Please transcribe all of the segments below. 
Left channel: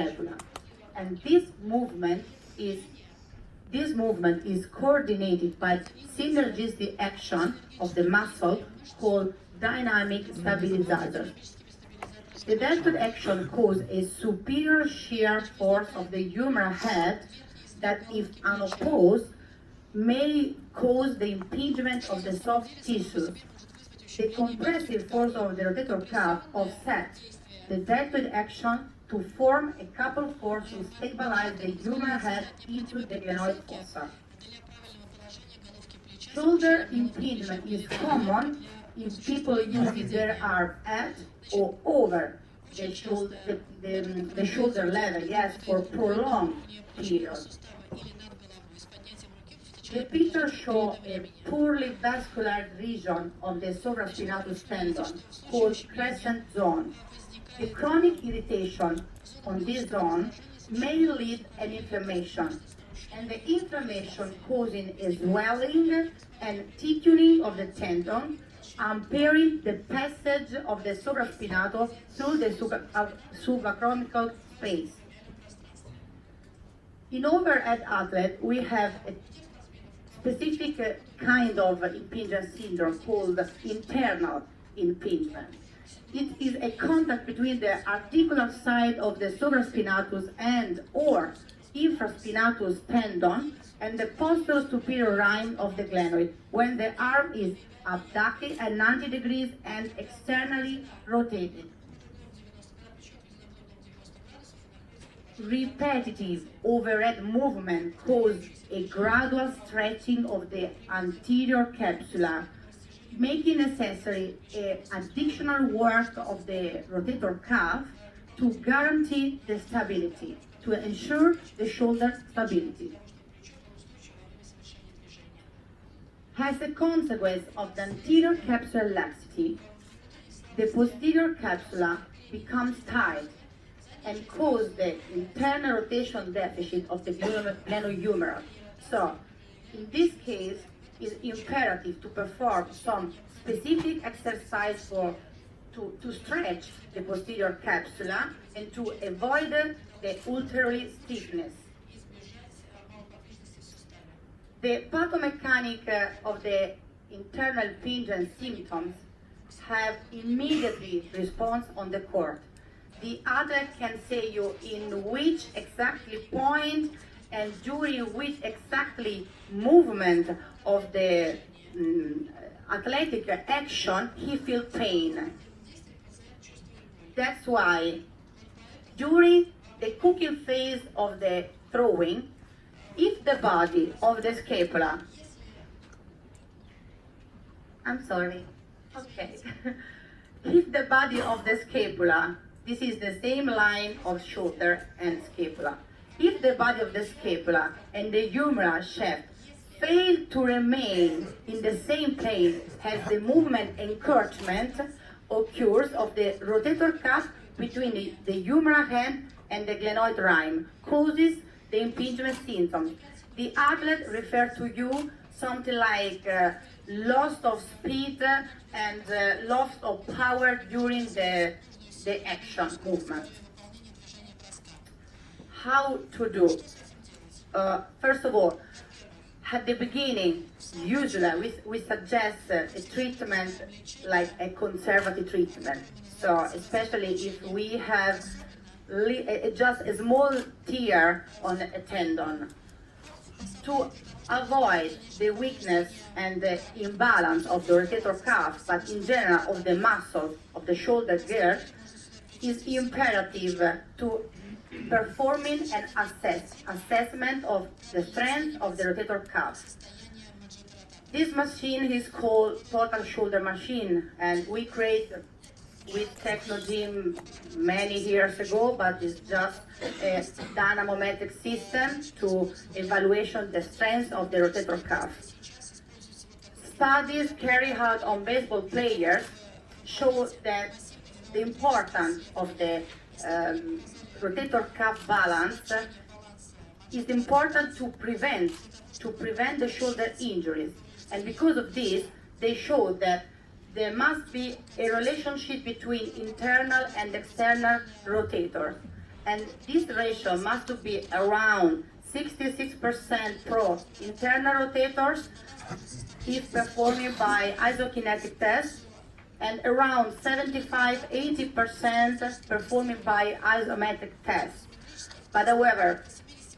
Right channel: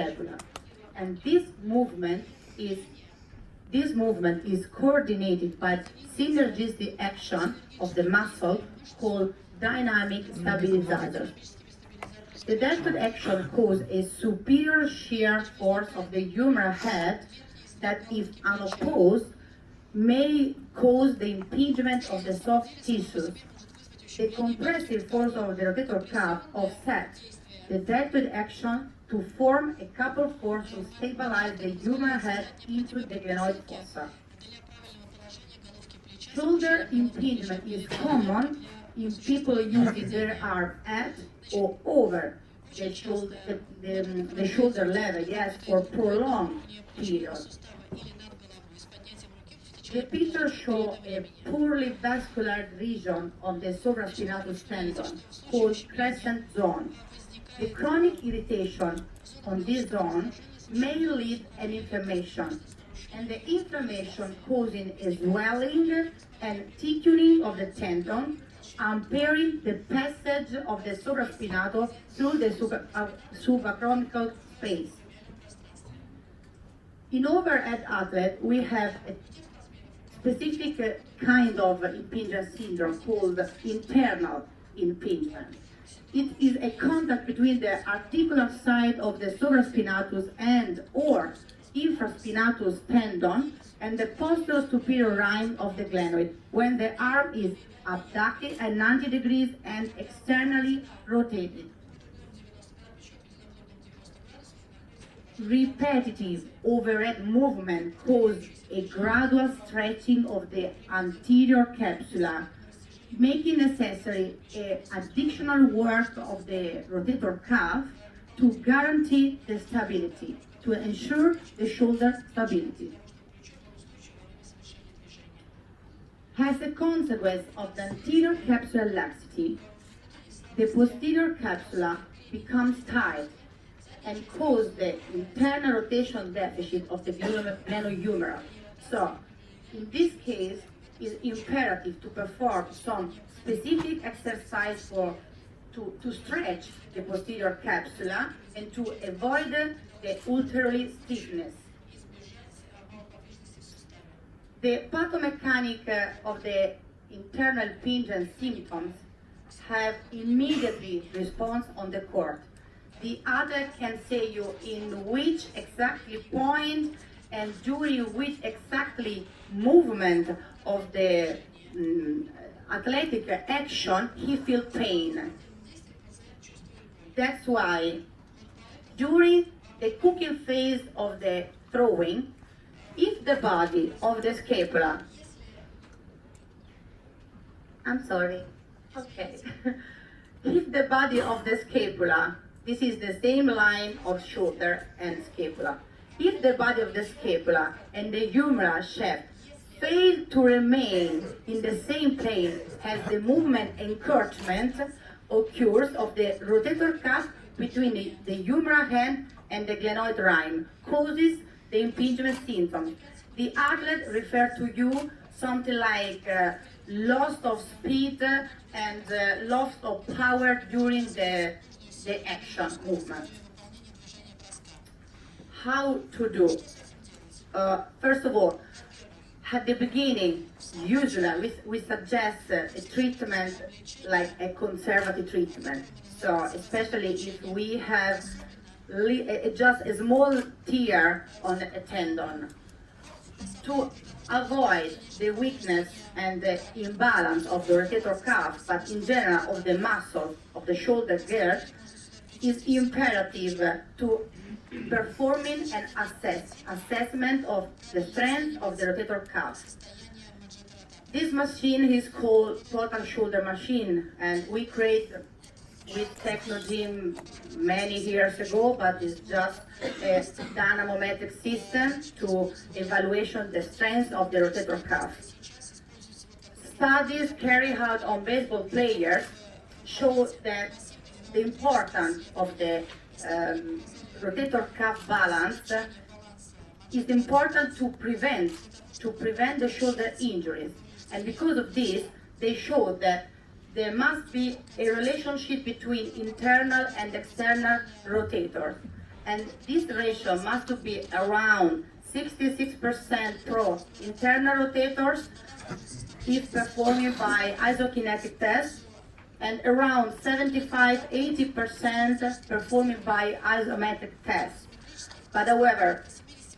scapula. And this movement is coordinated by synergistic action of the muscle called dynamic stabilizer. The deltoid action causes a superior shear force of the humeral head that, if unopposed, may cause the impingement of the soft tissues. The compressive force of the rotator cuff offsets the deltoid action to form a coupled force to stabilize the humeral head into the glenoid fossa. Shoulder impingement is common in people using their arm at or over the shoulder level, yes, for prolonged periods. The picture shows a poorly vascular region on the supraspinatus tendon called crescent zone. The chronic irritation on this zone may lead an inflammation, and the inflammation causing a swelling and thickening of the tendon, impairing the passage of the supraspinatus through the subacromial space. In overhead athlete, we have a specific kind of impingement syndrome called internal impingement. It is a contact between the articular side of the supraspinatus and or infraspinatus tendon and the posterior superior line of the glenoid when the arm is abducted at 90 degrees and externally rotated. Repetitive overhead movement causes a gradual stretching of the anterior capsula, making necessary additional work of the rotator cuff to guarantee the stability, to ensure the shoulder stability. As a consequence of the anterior capsular laxity, the posterior capsula becomes tight and cause the internal rotation deficit of the glenohumeral. So, in this case, it's imperative to perform some specific exercise to stretch the posterior capsula and to avoid the ulterior stiffness. The pathomechanic of the internal impingement symptoms have immediately response on the court. The athlete can say you in which exactly point and during which exactly movement of the athletic action he feels pain. That's why during the cooking phase of the throwing, if the body of the scapula, if the body of the scapula, this is the same line of shoulder and scapula. If the body of the scapula and the humeral shaft fail to remain in the same plane as the movement encouragement occurs of the rotator cuff between the humeral head and the glenoid line, causes the impingement symptoms. The athlete refers to you something like loss of speed and loss of power during the action movement. How to do? First of all, at the beginning, usually we suggest a treatment like a conservative treatment. So especially if we have just a small tear on a tendon, to avoid the weakness and the imbalance of the rotator cuff, but in general of the muscles of the shoulder girth, is imperative to performing an assessment of the strength of the rotator cuff. This machine is called total shoulder machine, and we created with Technogym many years ago, but it's just a dynamometric system to evaluation the strength of the rotator cuff. Studies carried out on baseball players show that the importance of the rotator cuff balance is important to prevent the shoulder injuries. And because of this, they show that there must be a relationship between internal and external rotators. and this ratio must be around 66% pro internal rotators is performed by isokinetic tests, and around 75-80% performed by isometric tests. But however,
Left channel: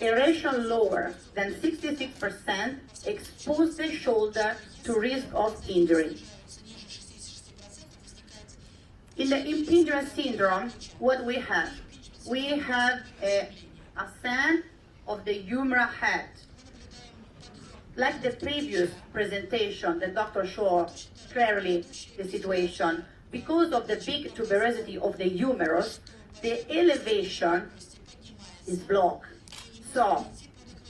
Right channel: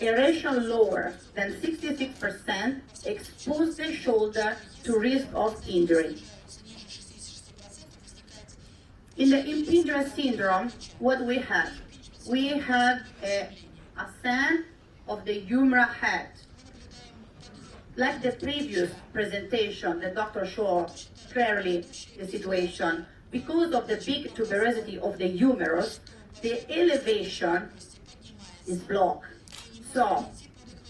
a ratio lower than 66% exposes the shoulder to risk of injury. In the impingement syndrome, what we have? We have a ascent of the humeral head. Like the previous presentation, the doctor showed clearly the situation. Because of the big tuberosity of the humerus, the elevation is blocked. So,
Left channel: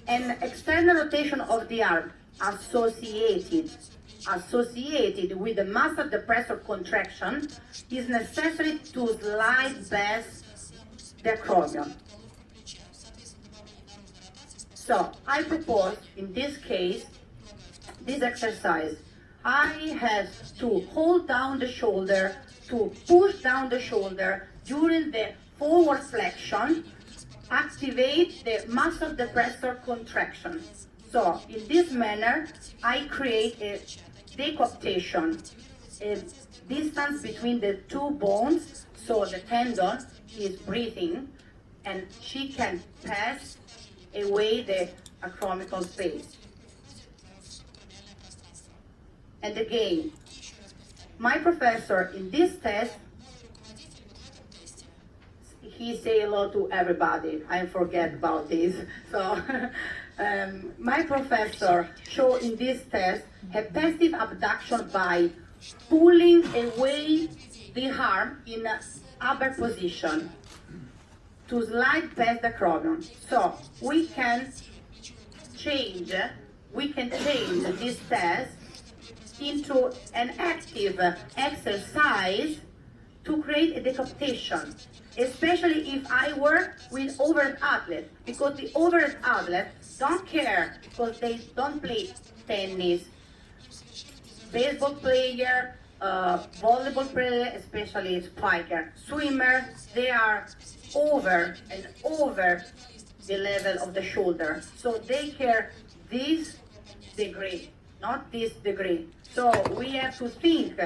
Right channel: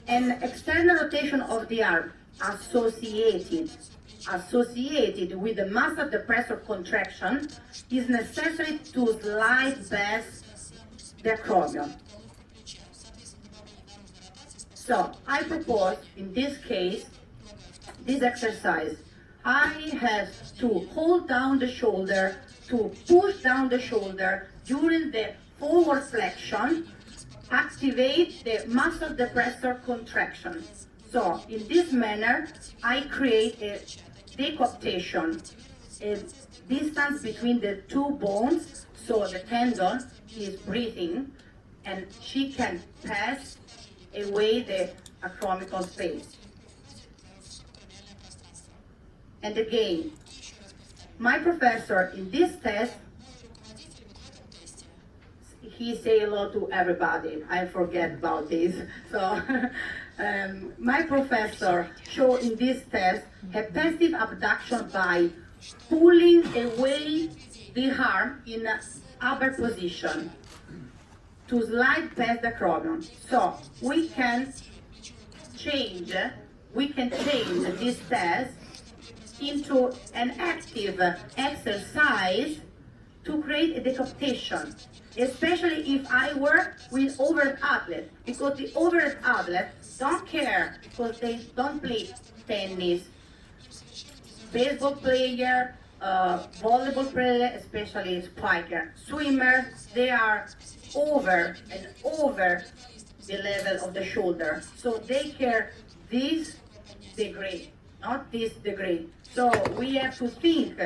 an external rotation of the arm associated with the muscle depressor contraction is necessary to slide back the acromion. So, I propose, in this case, this exercise. I have to hold down the shoulder, to push down the shoulder during the forward flexion, activate the muscle depressor contraction. So, in this manner, I create a decomptation, a distance between the two bones, so the tendon is breathing, and she can pass away the acromial space. And again, my professor in this test, he say hello to everybody. I forget about this. So, my professor showed in this test a passive abduction by pulling away the arm in an upper position to slide past the acromion. So we can change this test into an active exercise to create a decapitation, especially if I work with overhead athlete, because the overhead athlete don't care because they don't play tennis, baseball player, volleyball player, especially spiker, swimmer, they are over and over the level of the shoulder. So they care this degree, not this degree. So we have to think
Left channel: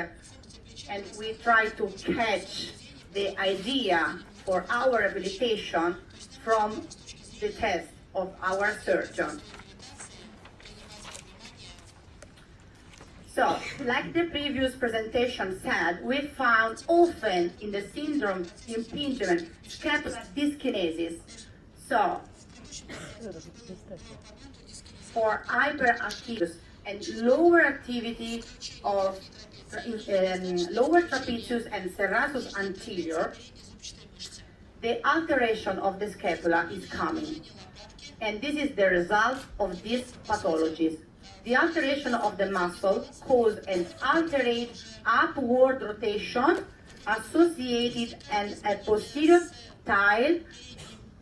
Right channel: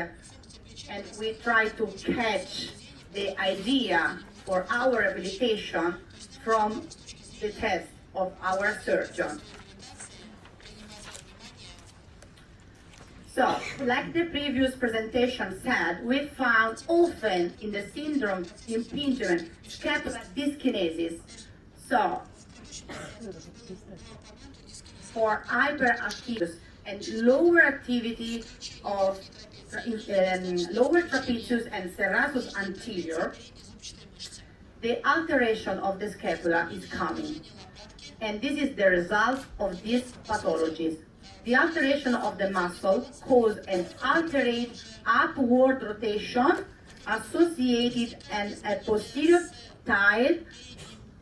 and we try to catch the idea for our rehabilitation from the test of our surgeon. So, like the previous presentation said, we found often in the syndrome impingement scapular dyskinesis. So, for hyperactive and lower activity of lower trapezius and serratus anterior, the alteration of the scapula is coming. And this is the result of these pathologies. The alteration of the muscle causes an altered upward rotation associated and a posterior tile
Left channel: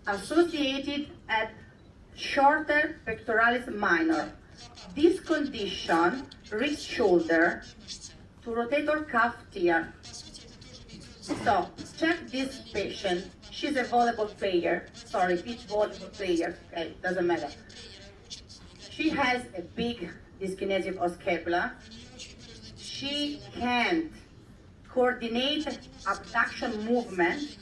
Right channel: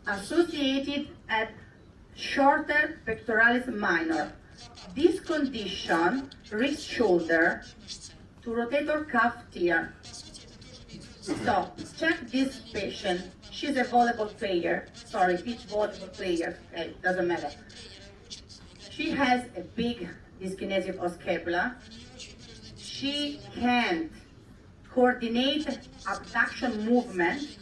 associated at shorter pectoralis minor. This condition reaches shoulder to rotator cuff tear. So, check this patient. She's a volleyball player. Sorry, each volleyball player, doesn't matter. She has a big dyskinesia of scapula. She can't coordinate abduction movement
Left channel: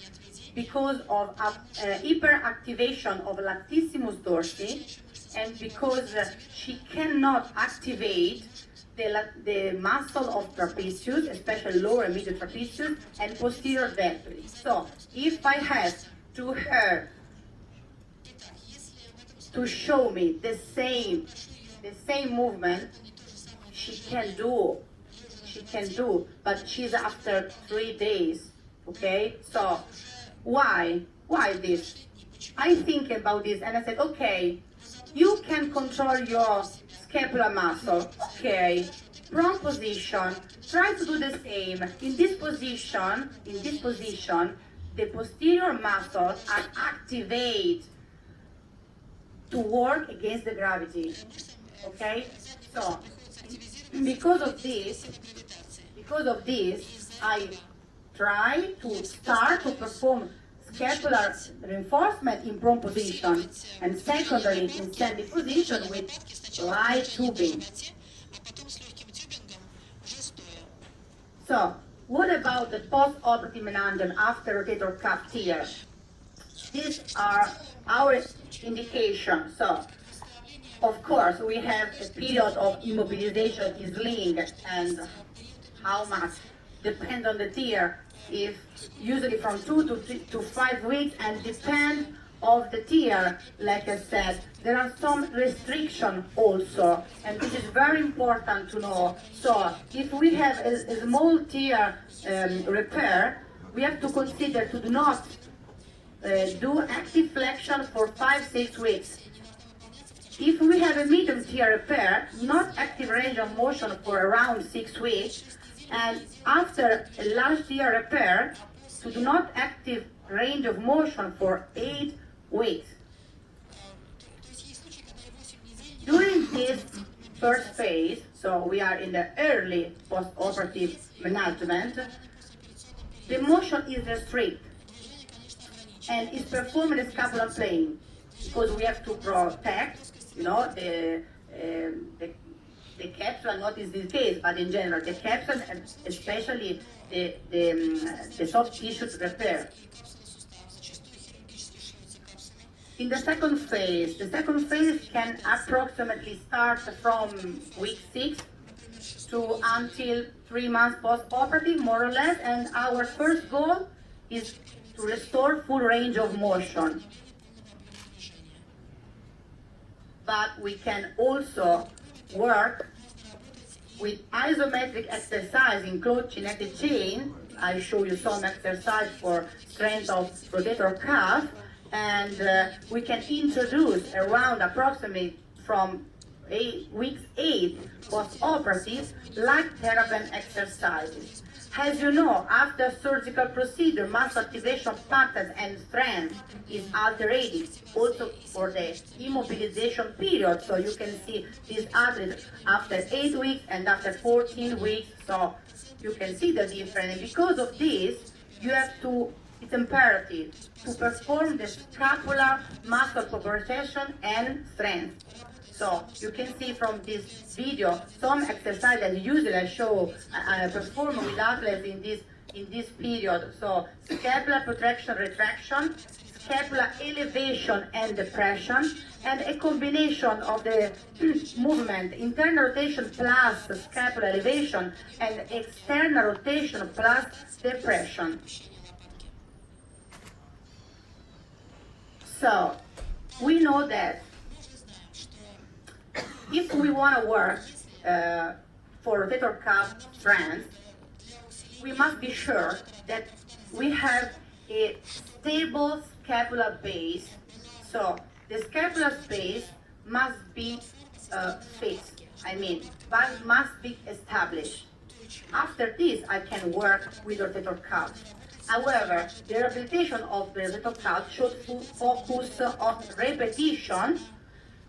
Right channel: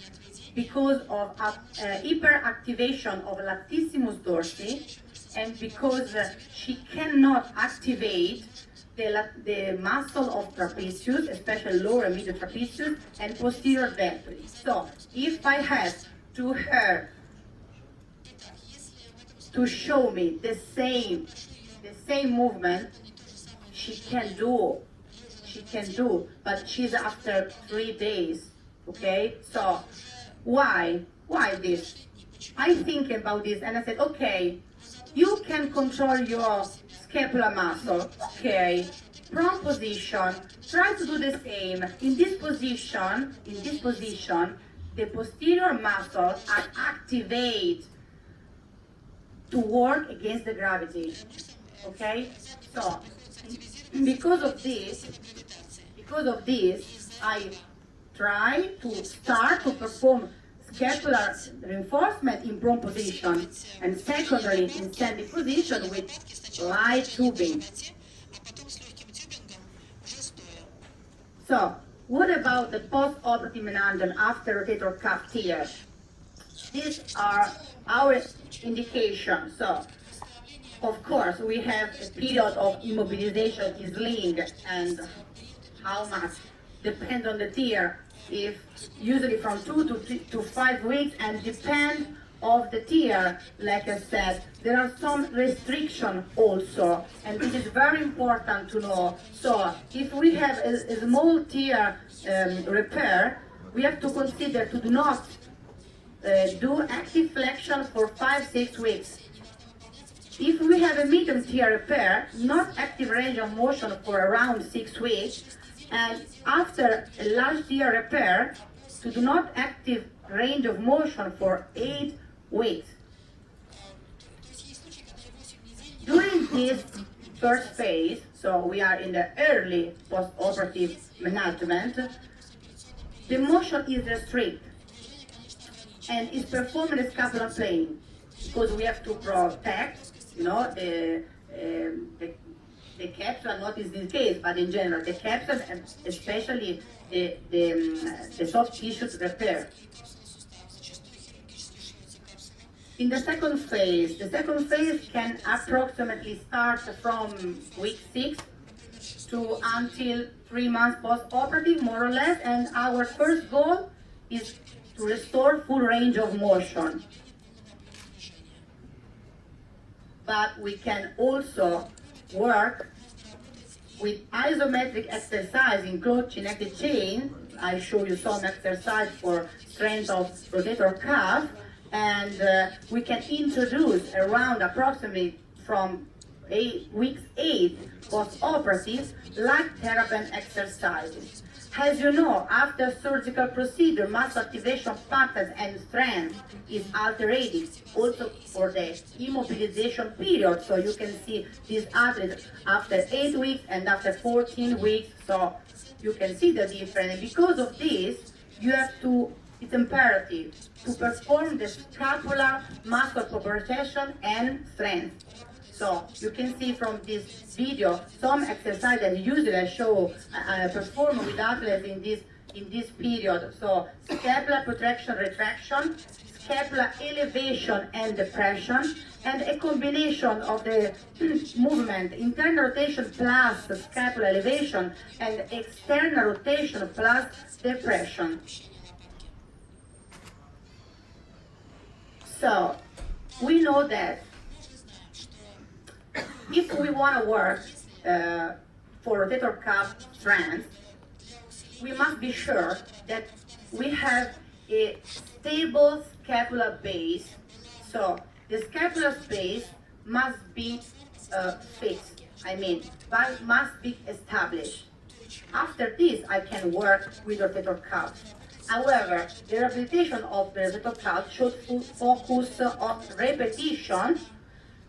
because of hyperactivation of latissimus dorsi, and because she cannot activate the muscle of trapezius, especially lower and middle trapezius, and posterior ventris. So, if I have to her to show me the same movement, she can do, but she's after 3 days, okay? So, why this? I think about this and I said, okay, you can control your scapular muscle, okay, prone position, try to do the same. In this position, the posterior muscles are activated to work against the gravity, okay? So, because of this, I try to start to perform scapular reinforcement in prone position and secondary in standing position with light tubing. So, what about the post-operative meningeal after rotator cuff tear? These are our indications. So, of course, we have a period of immobilization is linked, and how much depends on the tear. If usually from 2 to 5 weeks, and depend of the tear, like I said, there are some restrictions also, and this is very important to know. So if we have a small tear repair, we have to consider to not do active flexion for 5-6 weeks. If we have a medium tear repair, not active range of motion for around 6 weeks, and after a large tear repair, to do not active range of motion for 8 weeks. During this first phase, so we are in the early post-operative management, the motion is restricted and is performed in the scapular plane, because we have to protect, the capsule, not in this case, but in general, the capsule and especially the soft tissue repair. In the second phase can approximately start from week 6 to until 3 months post-operative, more or less, and our first goal is to restore full range of motion. But we can also work with isometric exercise in closed kinetic chain. I show you some exercise for strength of rotator cuff, and we can introduce around approximately from week 8 post-operative light therapy exercises. As you know, after surgical procedure, muscle activation patterns and strength is altered also for the immobilization period. So you can see these athletes after 8 weeks and after 14 weeks. So you can see the difference. And because of this, you have to, it's imperative to perform the scapular muscle proprioception and strength. So you can see from this video some exercise that usually I show perform with athletes in this period. So scapular protraction, retraction, scapular elevation and depression, and a combination of the movement, internal rotation plus scapular elevation, and external rotation plus depression. So we know that if we want to work for rotator cuff strength, we must be sure that we have a stable scapular base. So the scapular base must be fixed, but must be established. After this, I can work with rotator cuff. However, the rehabilitation of the rotator cuff should focus on repetition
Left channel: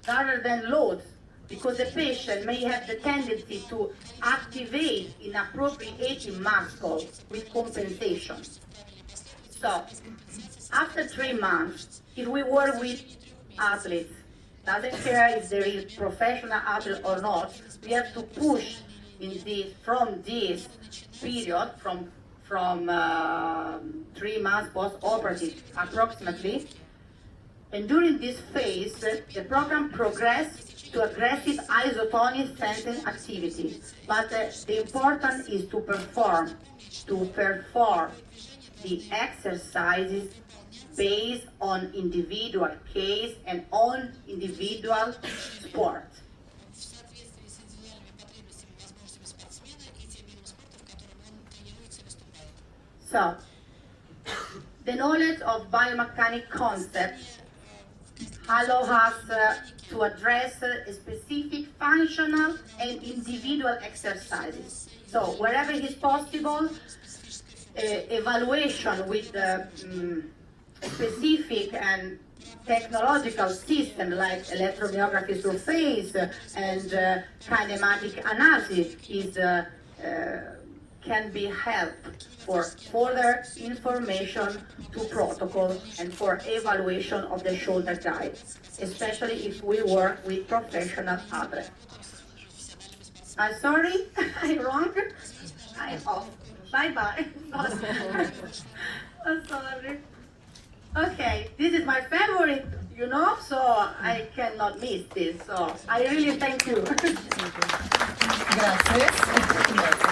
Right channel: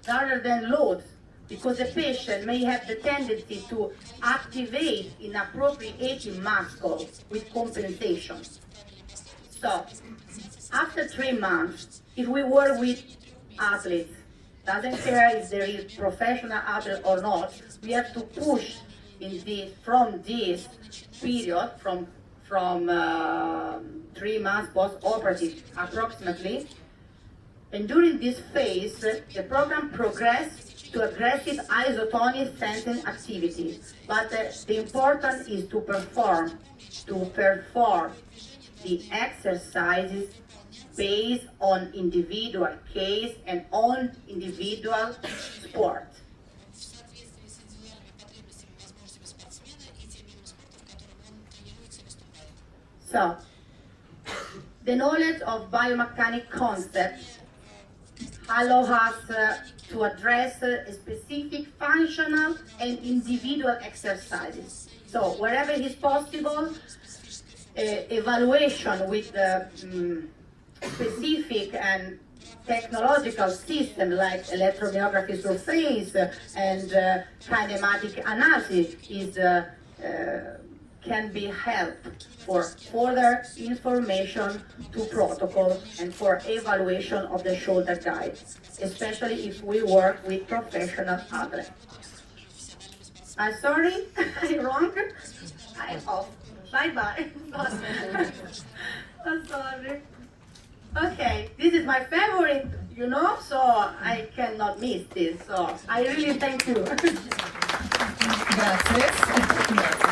rather than loads, because the patient may have the tendency to activate inappropriate muscles with compensation. So, after 3 months, if we work with athletes, doesn't care if there is professional athlete or not, we have to push from this period, from 3 months post-operative approximately. And during this phase, the program progresses to aggressive isotonic sensing activity. But the important is to perform the exercises based on individual case and on individual sport. So, the knowledge of biomechanic concepts allow us to address specific functional and individual exercises. So wherever it is possible, evaluation with specific and technological systems like electromyography surface and kinematic analysis can be helped for further information to protocol and for evaluation of the shoulder guide, especially if we work with professional athletes. I'm sorry, I'm wrong. I'm off. Bye-bye. I'm sorry. Okay, this is my favorite, so I cannot miss this. So I really thank you. Grazie.